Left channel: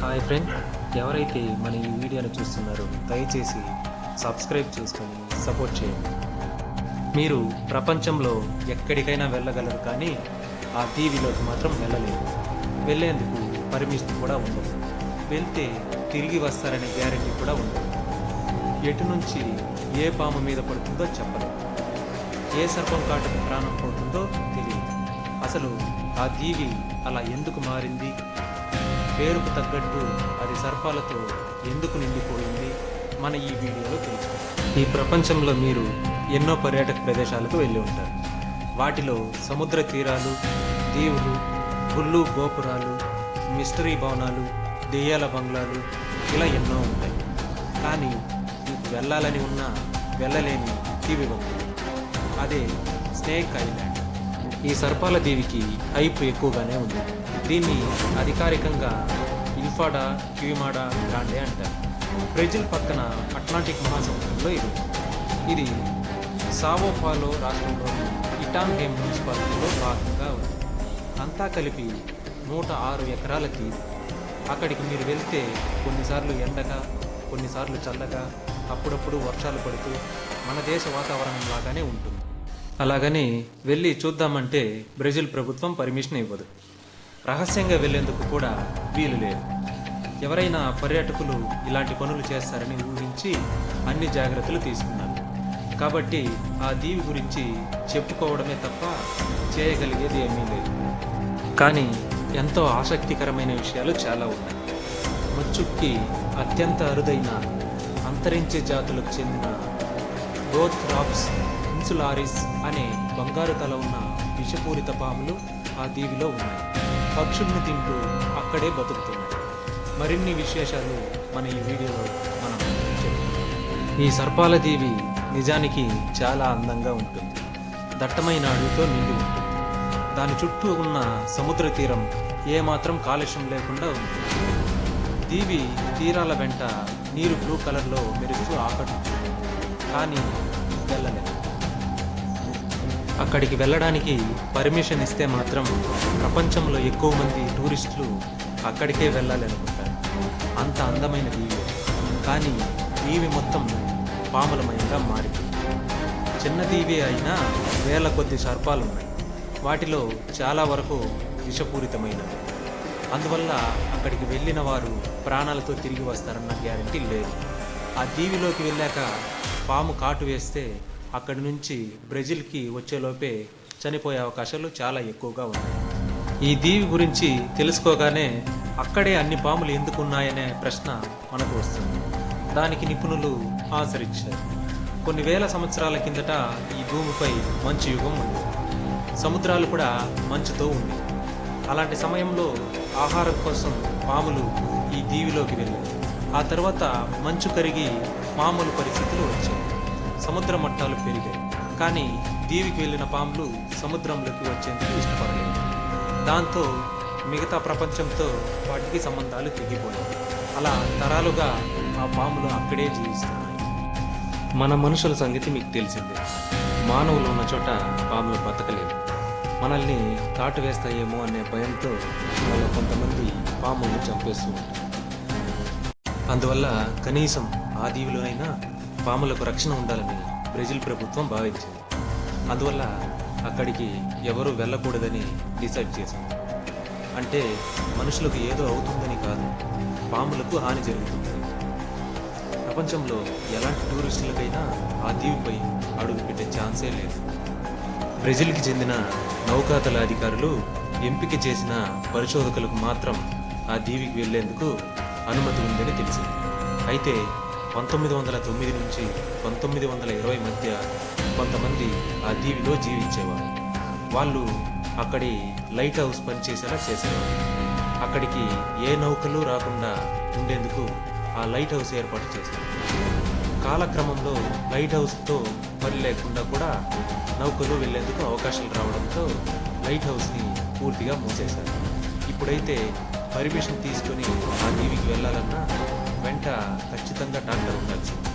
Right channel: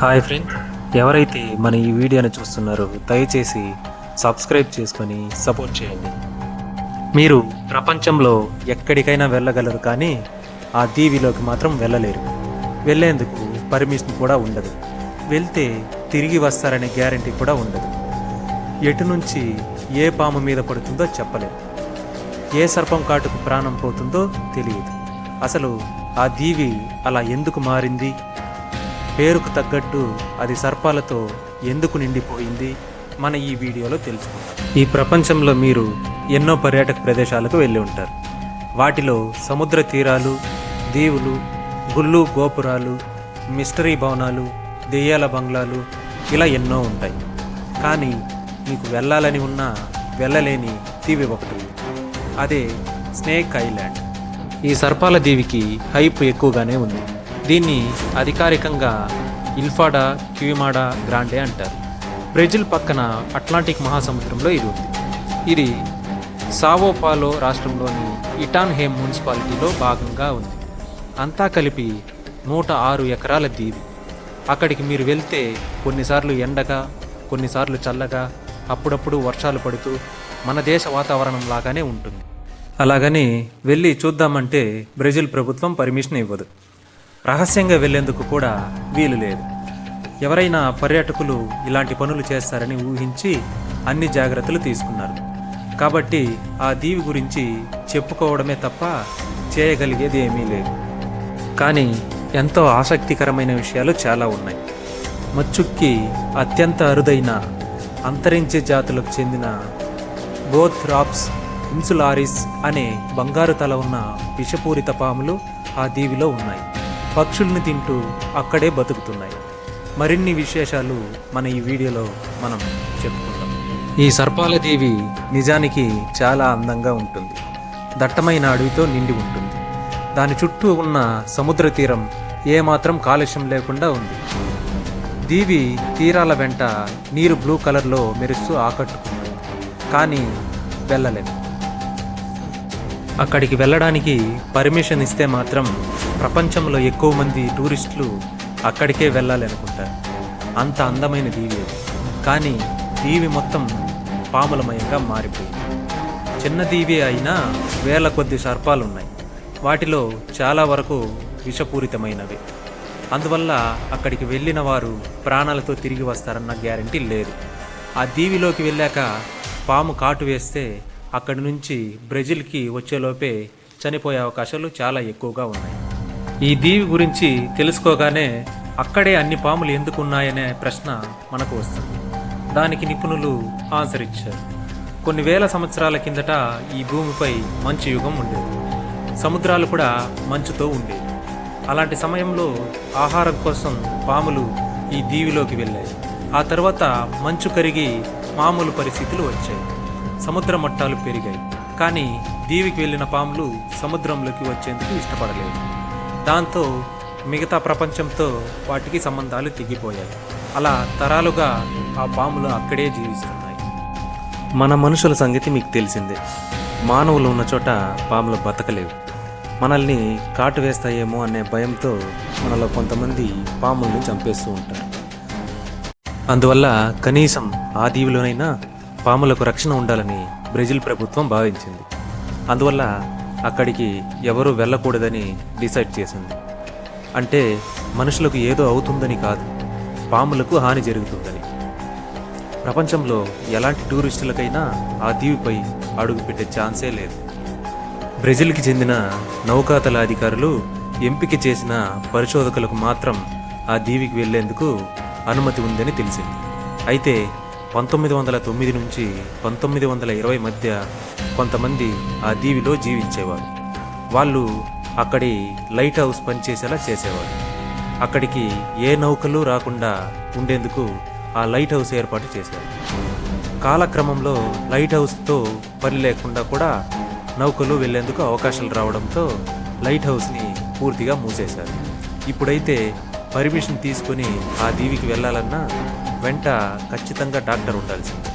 Hi friend. ఎవరైతే మన ఈ వీడియోని చూస్తున్నారో దయచేసి సబ్స్క్రైబ్ చేసుకొని సపోర్ట్ చేయండి. మీరు ప్రపంచంలో ఎక్కడికైనా వెళ్ళగలరు కానీ ఆ దీవిలోకి మాత్రం వెళ్ళలేరు. వెళ్ళేందుకు పర్మిషన్ కూడా ఉండదు. వెళ్తే తిరిగి వస్తారనే గ్యారంటీ కూడా ఉండదు. ఎటు నుంచి ఏ పాము మీద పడుతుందో చెప్పలేదు. ఏ సర్పం కాటుకు ప్రాణం పోతుందో తెలియదు. అసలు ఆ దీవి అలా ఎందుకు మారింది? పేరుకు తగ్గట్టు అది సర్పాలతో ఎందుకు నిండిపోయింది? మన ఈ వీడియోలో తెలుసుకుందాం. ఈ ప్రపంచంలో మీరు ఎన్నో పర్యాటక ప్రదేశాలకు వెళ్ళి ఉంటారు. వాటిలో సముద్ర తీరాలు దీవులు గుళ్ళు గోపురాలు మిస్టరీ భవనాలు దెయ్యాల బంగ్లాలు ఇలా ఎన్నో ఉంటాయి. కానీ మీకు వెళ్ళాలని ఉన్నా వెళ్ళలేని దీవి ఒకటి అదే స్నేక్ ఐలాండ్. ఈ సర్పాల దీవికి హైప్ ఎక్కువగానే ఉంది. దీన్ని అధికారికంగా ఇల్ఫాడా క్యూమాడా గ్రాండే అంటారు. బ్రెజిల్ పక్కన అట్లాంటిక్ మహాసముద్రంలో ఇది ఉంది. ఇది సావోపాలో రాష్ట్రంలోని ఇటాన్హేమ్ మున్సిపాలిటీలో భాగంగా ఉంది. అంతా కలిపి నూట ఆరు ఎకరాల దీవి. అక్కడికి మీరు వెళ్తే కొన్నిసార్లు ఎండగా కొన్నిసార్లు చల్లగా అప్పుడప్పుడు వర్షాలు పడుతూ మన దేశ వాతావరణం లాగానే ఉంటుంది. అలాగని వెళ్ళి చూద్దామంటే బ్రెజిల్ ప్రభుత్వం పర్మిషన్ ఇవ్వదు. రహస్యంగా వెళ్ళేందుకు కూడా వీలు లేదు. ఎవరైనా పర్యాటకులు ఇలాంటి పనులు చేస్తారని ఊహించి అన్ని జాగ్రత్తలు తీసుకున్నారు. కాబట్టి ఆ దీవి గురించి చెప్పుకోవడమే తప్ప చేయగలిగేది ఏమీ లేదు. కానీ ఎంతో ఆసక్తికరమైన విషయాలు చాలా ఉన్నాయి. మచ్చుక్కి అత్యంత అరుదైన అంతరించే జాతులకు చెందిన బోత్ రాప్స్ ఇన్సులారిస్ అనే బంగారు తల ఉన్న విషపూరిత పాములు ఆ దీవిలో ఉన్నాయి. పక్షుల్ని తింటూ అక్కడే బతుకుతున్నాయి. మరిన్ని విశేషాలు మన ఈ వీడియోలో మనం చెప్పుకుందాం. ఈ సర్పాల దీవి నిజానికి చాలా అందంగా ఉంటుంది. దట్టమైన అడవితో నిండి ఉంటుంది. దాని చుట్టూ ఉన్న సముద్ర తీరం ఏమాత్రం కాలుష్యం లేకుండా ఉంది. దీవి తీరాల వెంట నీరు బ్లూ కలర్లో మెరుస్తూ ఆకట్టుకుంటుంది. కానీ వెళ్ళలేదు. అక్కడికి వెళ్ళడానికి పర్మిషన్ ఇస్తే మాత్రం ప్రపంచంలో ఎక్కువ మంది టూరిస్టులు అక్కడికే వెళ్ళాలి అనుకుంటారు అంత అందమైన దీవి కానీ దీవి మొత్తం పాములమయంగా మారిపోయింది. చిన్న దీవి అయినా వేల కొద్ది సర్పాలు ఉన్నాయి వాటిలో చాలా వరకు విషపూరితమైనవి. అందువల్ల అక్కడికి వెళ్ళిన వారు ప్రాణాలతో తిరిగి వస్తారన్న గ్యారంటీ లేదు. ఆ దీవిలోకి వెళ్ళాక పాము కాటు వేస్తే అక్కడి నుంచి బ్రెజిల్కి వచ్చేలోపే చనిపోయే అవకాశాలు చాలా ఎక్కువగా ఉన్నాయి. ఈ దీవి గురించి తెలుసుకోగానే అక్కడే అన్ని పాములు ఎందుకున్నాయనే ప్రశ్న మనకు వస్తుంది. దానికి నిపుణులు ఆన్సర్ ఇచ్చారు కొన్ని వేల సంవత్సరాల కిందట ఈ భూమిపై మంచు యుగం ఉండేది. సముద్రాలు కూడా మంచుతో ఉండేవి. అలాంటి సమయంలో ఆహారం కోసం పాములు ఈ దీవిలోకి వెళ్ళాయి. ఆ తర్వాత మంచు కరిగి మామూలు పరిస్థితులు వచ్చాయి. సముద్ర మట్టాలు పెరిగాయి. కానీ దీవికి వెళ్ళిన పాములు సముద్రంలోకి వచ్చేందుకు ఇష్టపడలేదు. దాంతో మిగతా ప్రపంచంతో వాటికి సంబంధాలు తెగిపోయాయి. అలా తరాలుగా ఆ పాములు అక్కడే జీవిస్తున్నాయి. మన మనుషుల సంగతి మీకు తెలిసిందే. మానవులు ఉన్న చోట పాములు బతకలేవు. మనల్ని కాటు వేస్తాయేమో అనే భయంతో మనలో కొంతమంది పాముల్ని చంపేస్తూ ఉంటారు. అందువల్ల కనీసం ఆ దీవిలోనైనా పాములకు రక్షణ ఉండాలని బ్రెజిల్ ప్రభుత్వం భావించింది. అందువల్ల అక్కడికి ఎవరూ వెళ్ళకూడదని డిసైడ్ చేసింది. అంటే మనుషులకు ఏదో అవుతుందని కాదు పాములకు హాని జరుగుతుందని. ప్రపంచంలో ఎలాంటి టూరిస్టులకైనా ఆ దీవిపై అడుగుపెట్టే ఛాన్సే లేదు. బ్రెజిల్కి చెందిన నౌకాతల అధికారులు ఎంపిక చేసిన పరిశోధకులకు మాత్రం ఆ దీవికి వెళ్ళేందుకు అనుమతి ఉందని తెలిసింది. అయితే పంతొమ్మిది వందల తొమ్మిది నుంచి పంతొమ్మిది వందల ఇరవై మధ్య కొంతమంది ఆ దీవిలో జీవించేవారు. వాళ్ళు అక్కడి లైట్ హౌస్ పనిచేసేలా చేసేవారు. అక్కడికి ఏ నౌకలు రాకుండా ఉండేందుకు ఆ లైట్ హౌస్ ఏర్పాటు చేశారు. కాలక్రమంలో లైట్ హౌస్తో పని లేకుండా కూడా నౌకలు వెళ్ళేందుకు అవకాశాలు రావడంతో లైట్ హౌస్ని పూర్తిగా మూసేశారు. ఇప్పుడైతే పర్మిషన్ తీసుకొని ఆ దీవికి వెళ్ళాలన్నా వెంట ఖచ్చితంగా డాక్టర్ ఉండాల్సిందే.